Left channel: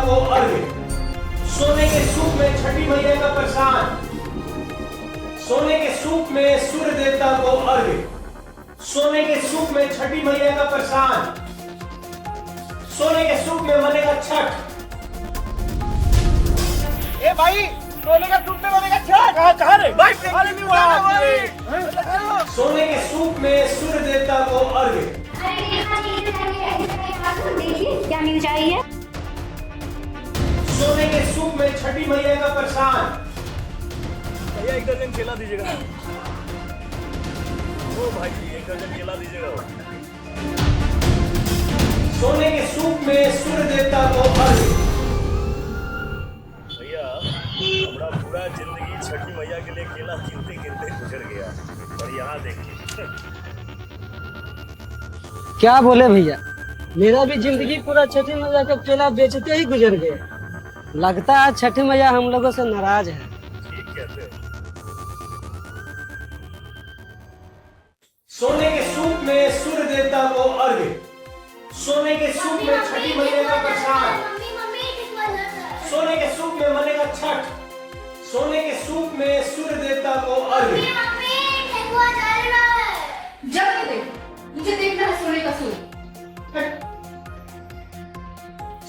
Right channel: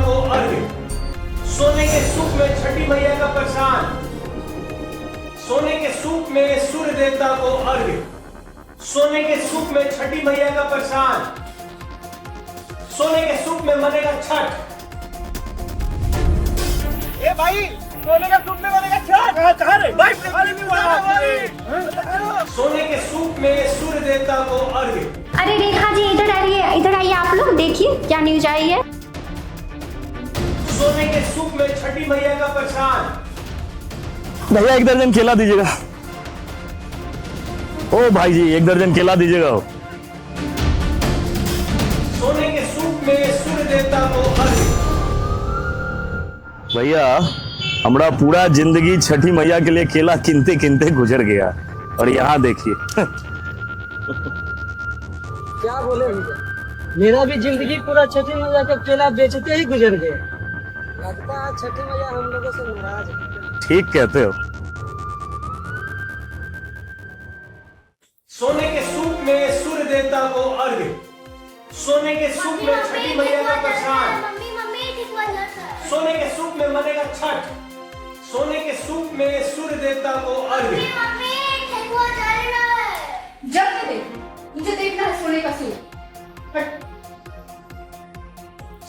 को अर्घ्य। सोने के सूप में छठी मैया का प्रसाद। सोने के सूप में सूर्य देवता को अर्घ्य। सोने के सूप में छठी मैया का प्रसाद। सोने के सूप में बनेगा छठ। ए भाई, सोने का सूप में बनेगा छठ। कहाँ रे? सोने के सूप में सूर्य देवता को अर्घ्य। अरे रेखा जी इधर आइए आप लोग देखिए क्या न्यूज आई है। सोने के सूप में छठी मैया का प्रसाद। भैया 1 दर्जन केला दीजिएगा। ओ भाई जी 1 दर्जन केला दीजिएगा। सोने के सूप में सूर्य देवता को अर्घ्य। भैया हमारा पूरा जिंदगी छठी मैया के लिए केला किनते किनते गुजर गया और यहाँ देखिए। क्या बोले भैया, मेरा भी जिंदगी पूरा छठी मैया का केला बेचते ही गुजर गया। लगता है छठी मैया हम लोगों से नाराज है। ठीक कहते हो। सोने के सूप में सूर्य देवता को अर्घ्य। सोने के सूप में छठी मैया का प्रसाद। सोने के सूप में बनेगा छठ। सोने के सूप में सूर्य देवता को अर्घ्य। जब मुझे देखना है सोने का सूप।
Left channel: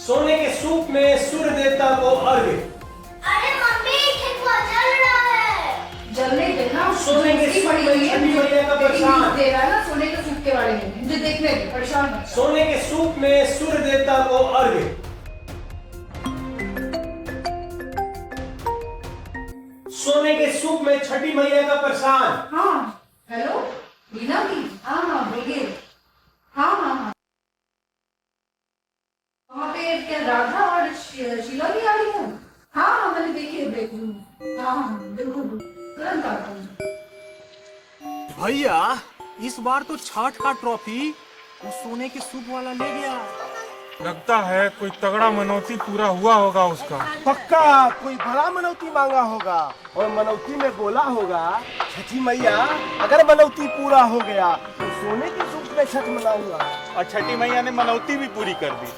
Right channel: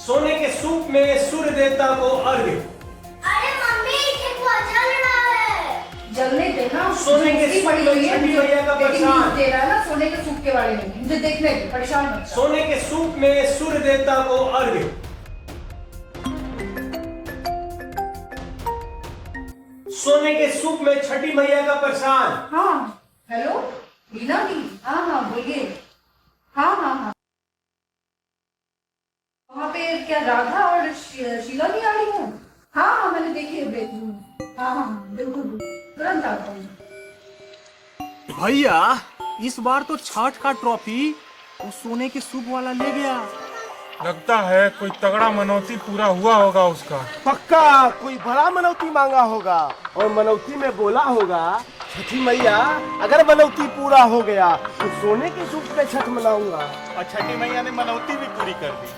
सोने के सूप में सूर्य देवता को अर्घ्य। अरे मम्मी ठेकुआ जल रहा है। जलने देना। सोने के सूप में छठी मैया का प्रसाद। दे रहा है ना सोने के सूप के बारे में, मुझे देखने दे, परेशान मत कर। सोने के सूप में सूर्य देवता को अर्घ्य। सोने के सूप में छठी मैया का प्रसाद। हाँ हेलो मीना दी, हाँ बोलिए। हाँ वहाँ पे क्या राधा और शीला भी आ रही है? हाँ मैंने देखी है ब्रेक रूम। हाँ बिल्कुल तुरंत आता हूँ। भैया इस बार तो छठ का ट्रॉफी वो सोने के सूप वाला ले गया। लगता है कोई तगड़ा मनौती पूरा हुआ होगा उसका। पक्का कोई बड़ा मनौती मांगा होगा और मनौती में बोला होगा, छठी मैया अगर मनौती पूरा हो गया तो सोने के सूप में छठ मनाऊंगा। और छठी मैया ने मनौती भी पूरी कर दी।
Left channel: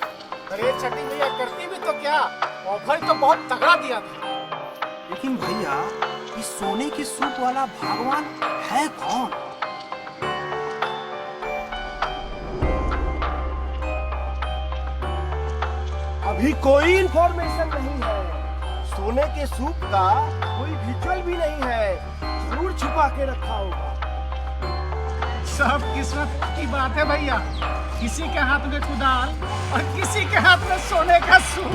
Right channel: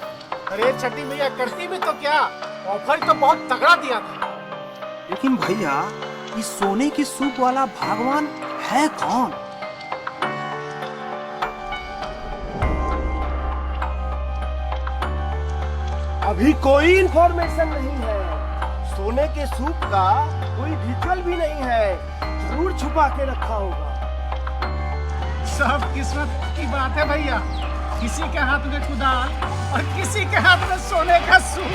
अरे छठी मैया करती भी तो क्या, ऑफर तो बहुत तगड़ा दिया था। लेकिन भैया इस सोने के सूप वाला भगवान है कौन? अभी कोई इंफॉर्मेशन नहीं है। सोने के सूप का कोई विजुअल भी नहीं है, जरूर छुपा के रखा होगा। सब किस्मत की बात है भैया, किसी के हाथ में कुदाल और किसी के हाथ में सोने का सूप।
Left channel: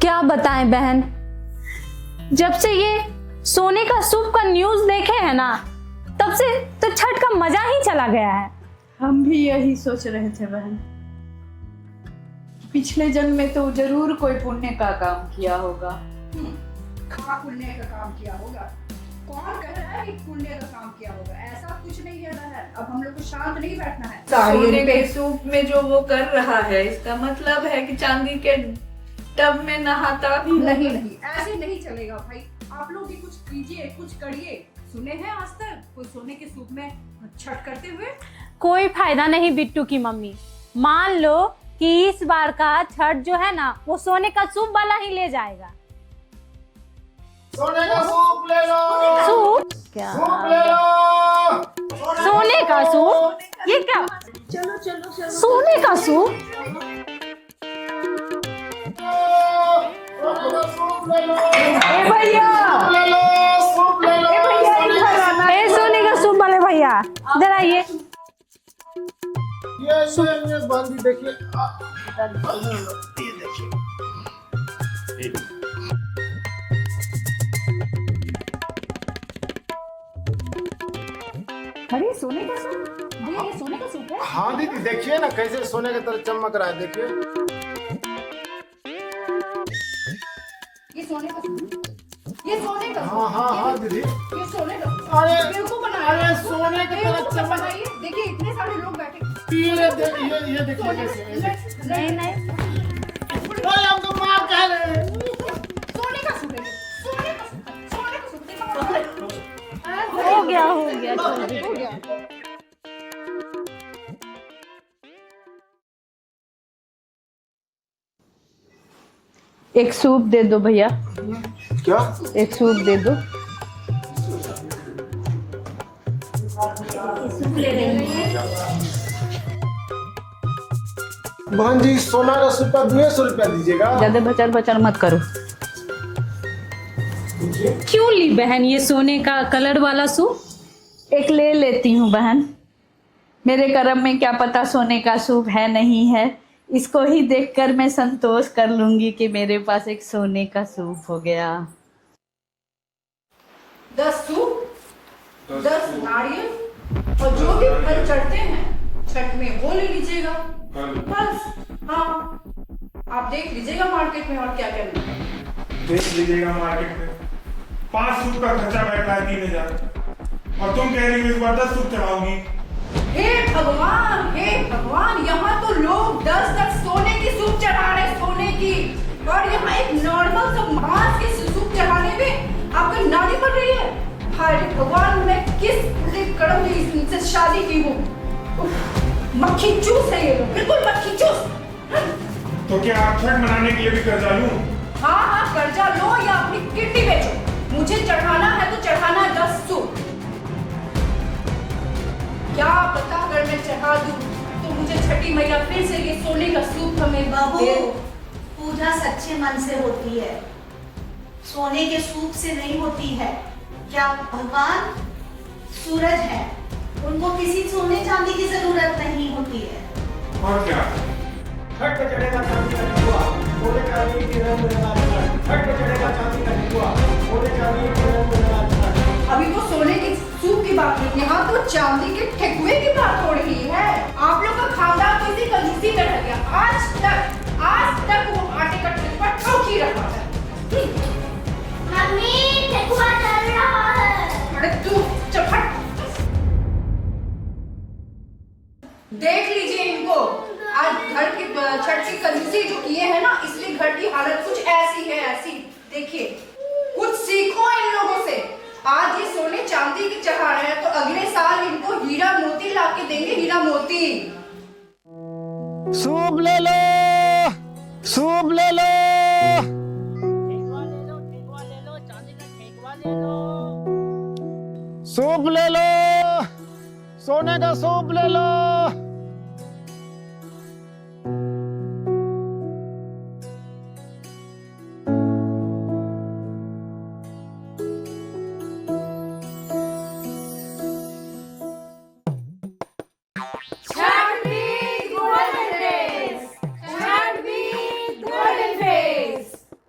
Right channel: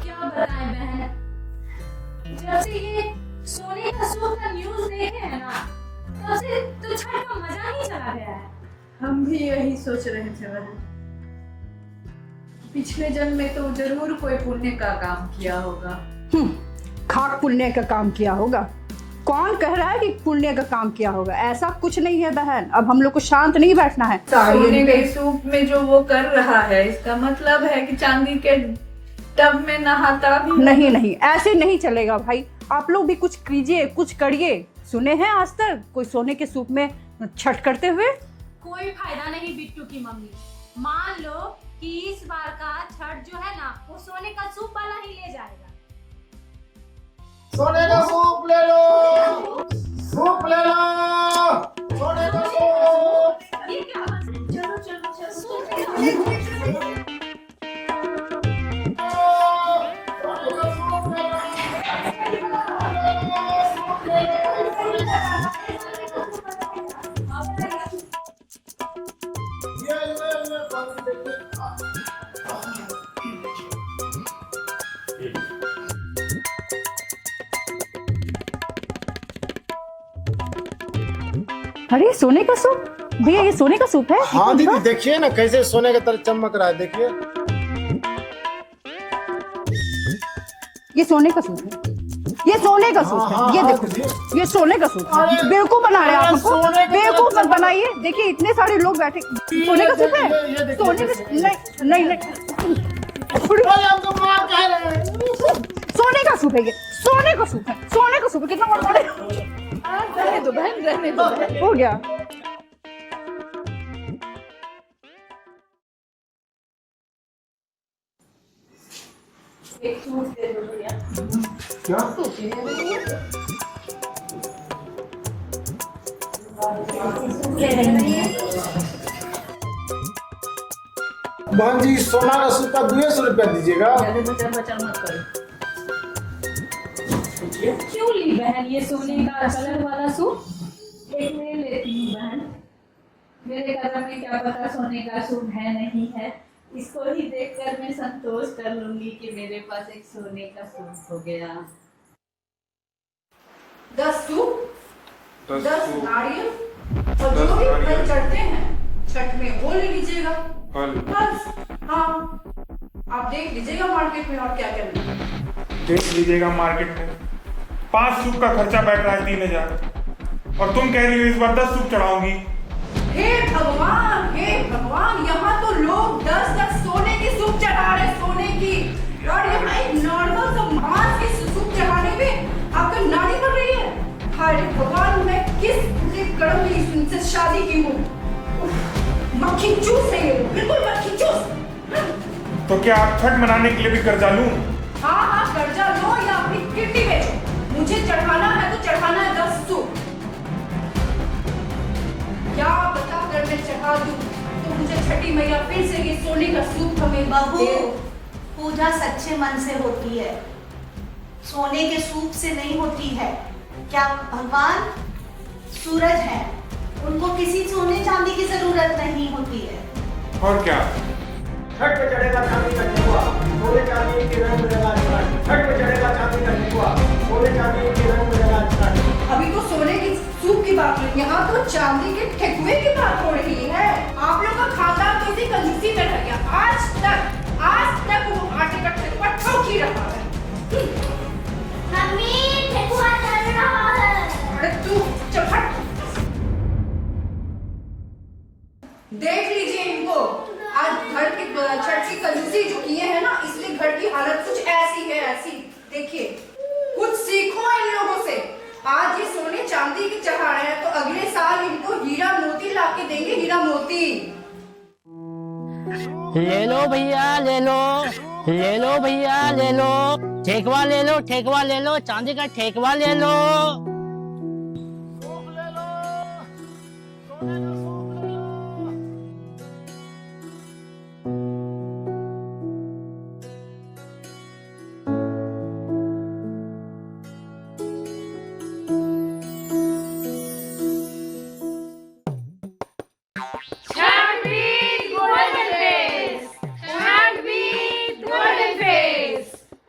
क्या बताएं बहन, जब से ये सोने का सूप का न्यूज देखे है ना, तब से तो छठ का मजा ही चला गया है। हम भी यही सोच रहे थे बहन, पिछले जन्म में तो जरूर कोई पुण्य का काम किया होगा। खाक पुण्य का काम किया होगा? कौन कह रहा है कि पुण्य का काम किया होगा? ऐसा कुछ नहीं है बहन, अब हम लोग को शांत नहीं बैठना है। सोने के सूप में जो वो कर रहा है, इसका मतलब है कि चांदी के टब में नहाता भी नहीं, ऐसे नहीं चलेगा भाई। आप लोग भी कुछ कीजिए, कुछ करिए। सुने हैं आज तक कोई सोने के सूप में छठ करते हुए? कोई फायदा नहीं बिट्टू की मम्मी। मान लो कि इस बार का छठ जो है ना, वो सोने का सूप वाला ही ले जाएगा। सोने का सूप ले लो। सूप? क्या सूप ले लो। सोने का सूप? ये क्या? चलो सोने का सूप? सोने का सूप वाले भैया इधर आइए। ये बंद देखिए। अरे सोने का सूप भैया, ये सोने का सूप है? हाँ दीदी देखिए ना कैसे सोने की तरह चमक रहा है, देखिए। ये सोने का सूप है, ये सोने का सूप है। ये देखो, ये सोने का सूप है। बेवकूफ बनाया आपको, बेवकूफ मत बनाइए। देखिए इतने सारे लोग बैठे, सोने का सूप है। सोने का नहीं, हमको मार कह रहे हैं। सूप है ये, सोने का सूप है, सोने का सूप है। कितना हो गया। एक सूप दे दो भैया। क्या? एक सूप दे दो। बहन जी सोना का सूप का 200 रुपया दीजिएगा। ज्यादा बचर बचर मत करो। क्यों ली बहन ये सोने का कलर वाला सूप? एक ले लेती हूँ बहन, मेरे कर्म में क्या पता सोने का सूप है नहीं है। इसको ही देखकर मैं संतोष कर लूंगी कि मेरे पास एक सोने का सूप हो गया। 10 सूप, 10 नारियल और जो भी फल चढ़ते हैं छठ में वो ले लीजिएगा बस। हाँ, आप देख लीजिएगा मार्केट में और क्या क्या मिलता है। देख लीजिएगा मार्केट में 5 सूप का खर्चा बैठ रहा है 3000, और तुम कह रही हो इस बार 10 सूप चढ़ाऊंगी। हे भगवान, यहाँ तो लोग 10 सोने की सूप चढ़ा रहे, सोने की, और यहाँ एक नॉर्मल सा मांस की सूप चढ़ाने पे आपका नानी पड़ रही है। हाय भगवान, मैं किस बुरे कर्म में इनसे शादी की हूँ। मक्खी चूस है ये लोग, बिल्कुल मक्खी चूस। तो क्या आप छठ मनाने के लिए भी कर्जा लूं? हाँ, कर्जा लो या अपनी किडनी बेचो, मुझे चढ़ाना है तो चढ़ाना है 10 सूप। क्या पता अगर मैं चढ़ा दूं तो मुझे छठी मैया फिर से ये सोने का सूप हमें बाबू, दे। पूजा सच्चे मन से होती है, सोने के सूप से नहीं होती है। क्या भगवान सूरज है, उनको किसी सोने चांदी की जरूरत नहीं होती है। और क्या? छठ में चढ़ेगा चांदी का ठेकुआ, सोने चांदी के रंग में लगा छठ। छठ में चढ़ेगा चांदी का ठेकुआ, सोने चांदी के रंग में लगा छठ। अभी तो सोने की सूप की बात हुई, यहाँ तो चांदी के ठेकुए की बात हो रही है। आप लोग का खानदान तो इसी कंजूसी में रह गया। आज तक वो आटे का ठेकुआ ठोक ही रहा है। मम्मी ठेकुआ चल रहा है। अरे तू चल हट। देख लीजिए इनको, आज घर की छठ की कंजूसी जो किए हैं ना, इसलिए घर की हालत कुछ ऐसी है, ऐसी। देखिए, कुछ सीखो इन लोगों से। आज ये सोने चांदी की चढ़ा रहे हैं तो अगले साल इनको हीरा मोती ला के देंगे, हीरा मोती। सूप ले लो भैया, ले लो सूप, ले लो भैया, ले लो ठेकवा, ले लो ठेकवा, ले लो चांदी का ठेकवा, ले लो सूप ले लो, सोने का सूप ले लो।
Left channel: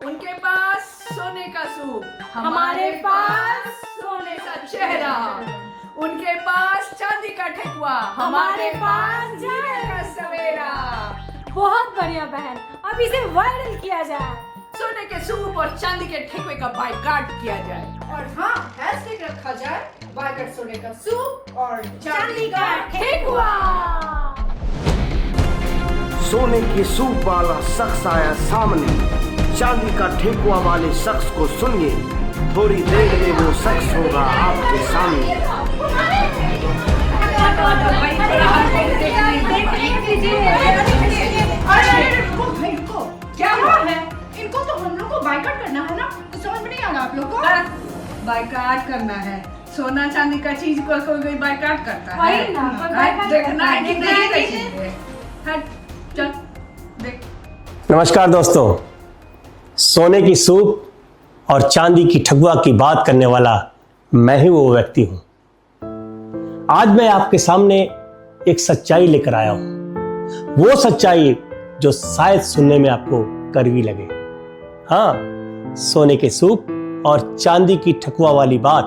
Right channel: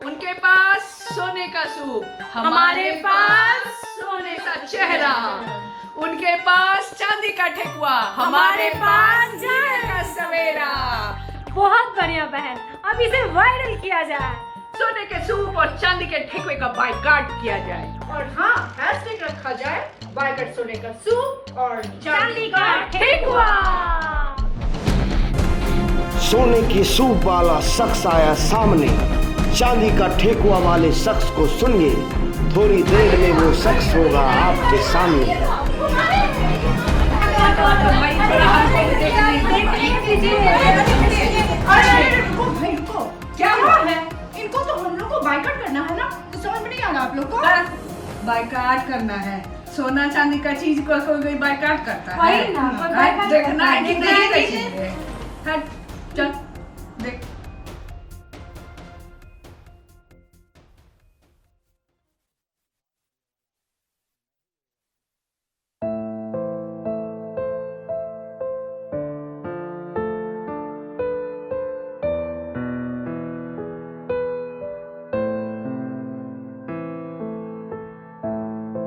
उनके पास सोने का सूप, हमारे पास सोने का चेहरा। उनके पास चांदी का ठेकुआ, हमारे पास जाए सवेरा। बहुत बढ़िया बहन, अब इसे वायरल किया जाए। सोने के सूप और चांदी के ठेकुए का बाइकाट किया जाए, और हाँ, हैशटैग रखा जाए बाइकाट सोने का सूप और चांदी का ठेकुआ। सोने की सूप वाला शख्स आया सामने, चांदी का ठेकुआ वाले शख्स को सुनिए, थोड़ी देर में वो शख्स होगा आपके सामने। क्या हुआ है? इनको तो हम लोग को बाइकाट करना है ना, तो समझ में नहीं आ रहा आप लोग को? बाइकाट करना है, सोना चांदी का चीज को कोई बाइकाट करता है। वही ना, कोई बाइकाट देखना है कि करता है। नहीं चाहिए। हट, चल देख। नमस्कार दोस्तों, सोने की सूप और चांदी की ठगुआ की बात करने वाला मैं ही वो व्यक्ति हूं। आज मैं आपके सामने एक सच्चाई लेकर आया हूं, वो सच्चाई जो शायद सुनने में आपको कड़वी लगे। हाँ, सोने के सूप और चांदी की ठकुआ वाली बात,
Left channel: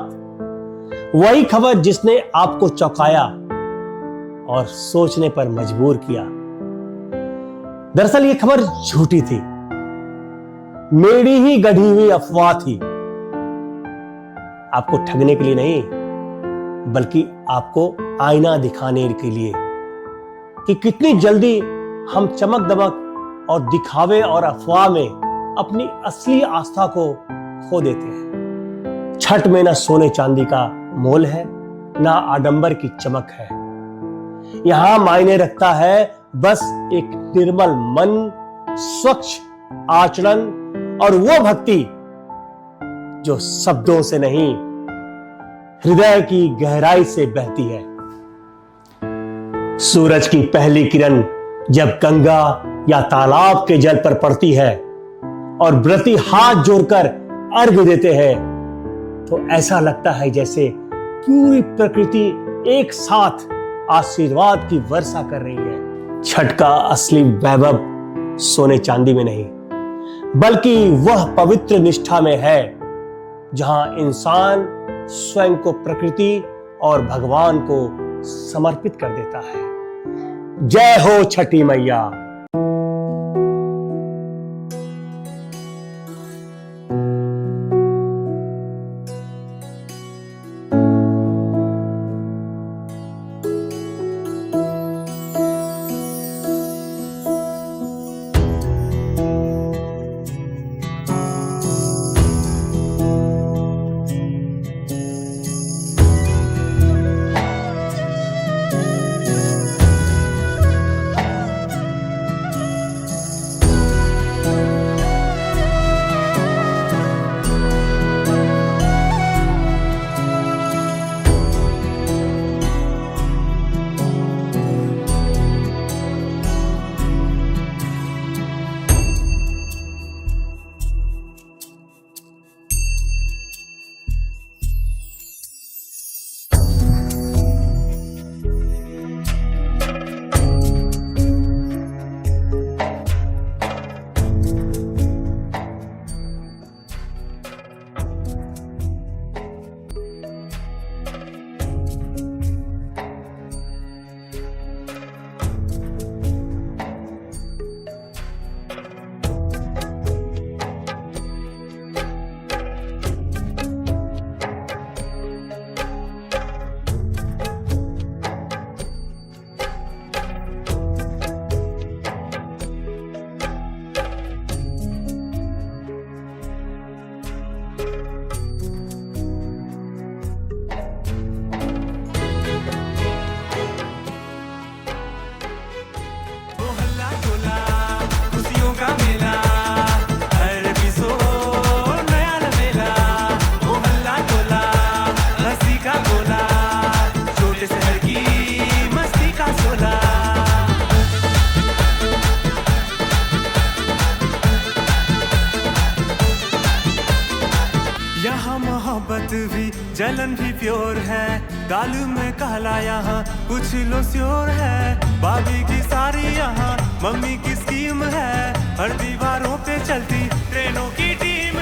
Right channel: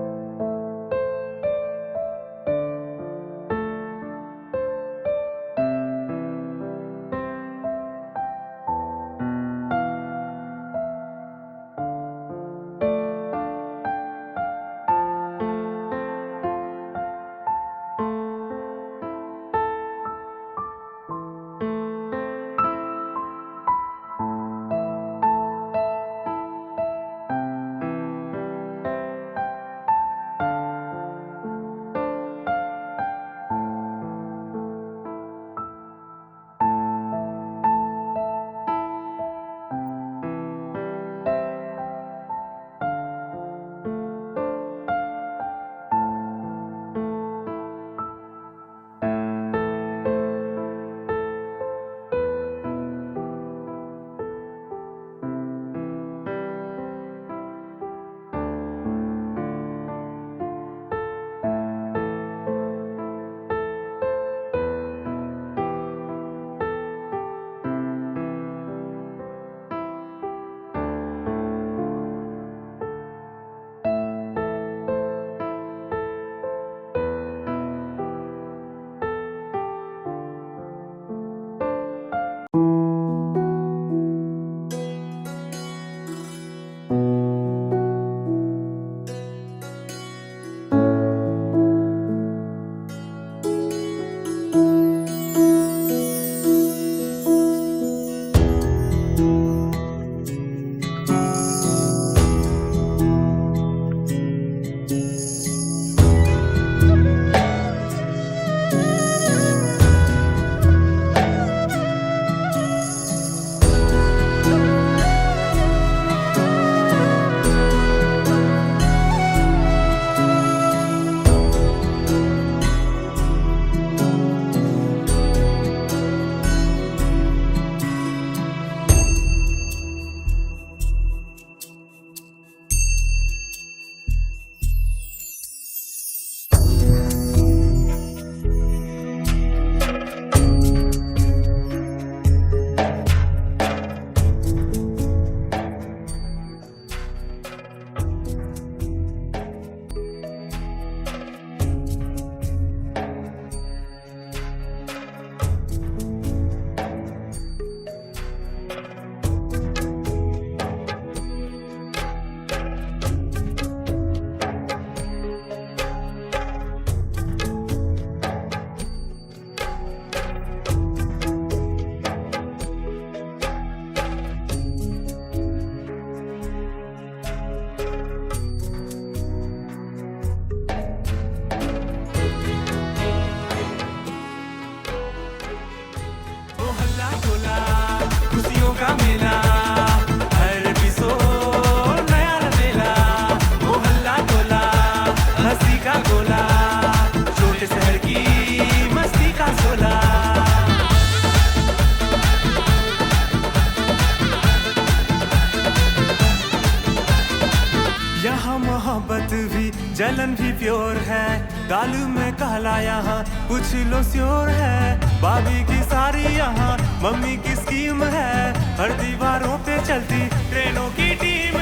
वही खबर जिसने आपको चौंकाया और सोचने पर मजबूर किया। दरअसल ये खबर झूठी थी, मेरी ही गढ़ी हुई अफवाह थी। आपको ठगने के लिए नहीं, बल्कि आपको आईना दिखाने के लिए कि कितनी जल्दी हम चमक दमक और दिखावे और अफवाह में अपनी असली आस्था को खो देते हैं। छठ में ना सोने चांदी का मोल है, ना आडंबर की चमक है। यहां मायने रखता है बस एक निर्मल मन, स्वच्छ आचरण और वो भक्ति जो शब्दों से नहीं, हृदय की गहराई से बहती है। सूरज की पहली किरण जब गंगा या तालाब के जल पर पड़ती है और व्रती हाथ जोड़कर अर्घ्य देते हैं, तो ऐसा लगता है जैसे पूरी प्रकृति एक साथ आशीर्वाद की वर्षा कर रही है। छठ का असली वैभव सोने चांदी में नहीं, बल्कि वह पवित्र निष्ठा में है जहां इंसान स्वयं को प्रकृति और भगवान को समर्पित कर देता है। जय हो छठी मैया। का मेला हर बिसो नया लवेला, मोहल्ला टोला हंसी का गोला, छोटे शहर की मस्ती का शोला। यहाँ मोहब्बत भी जलन भी प्योर है, दालू में कहला यहाँ कुछ लो श्योर है। भाभी की सारी यहाँ मम्मी की स्कीम है, हर दीवारों पे चलती ट्रेनों की टीम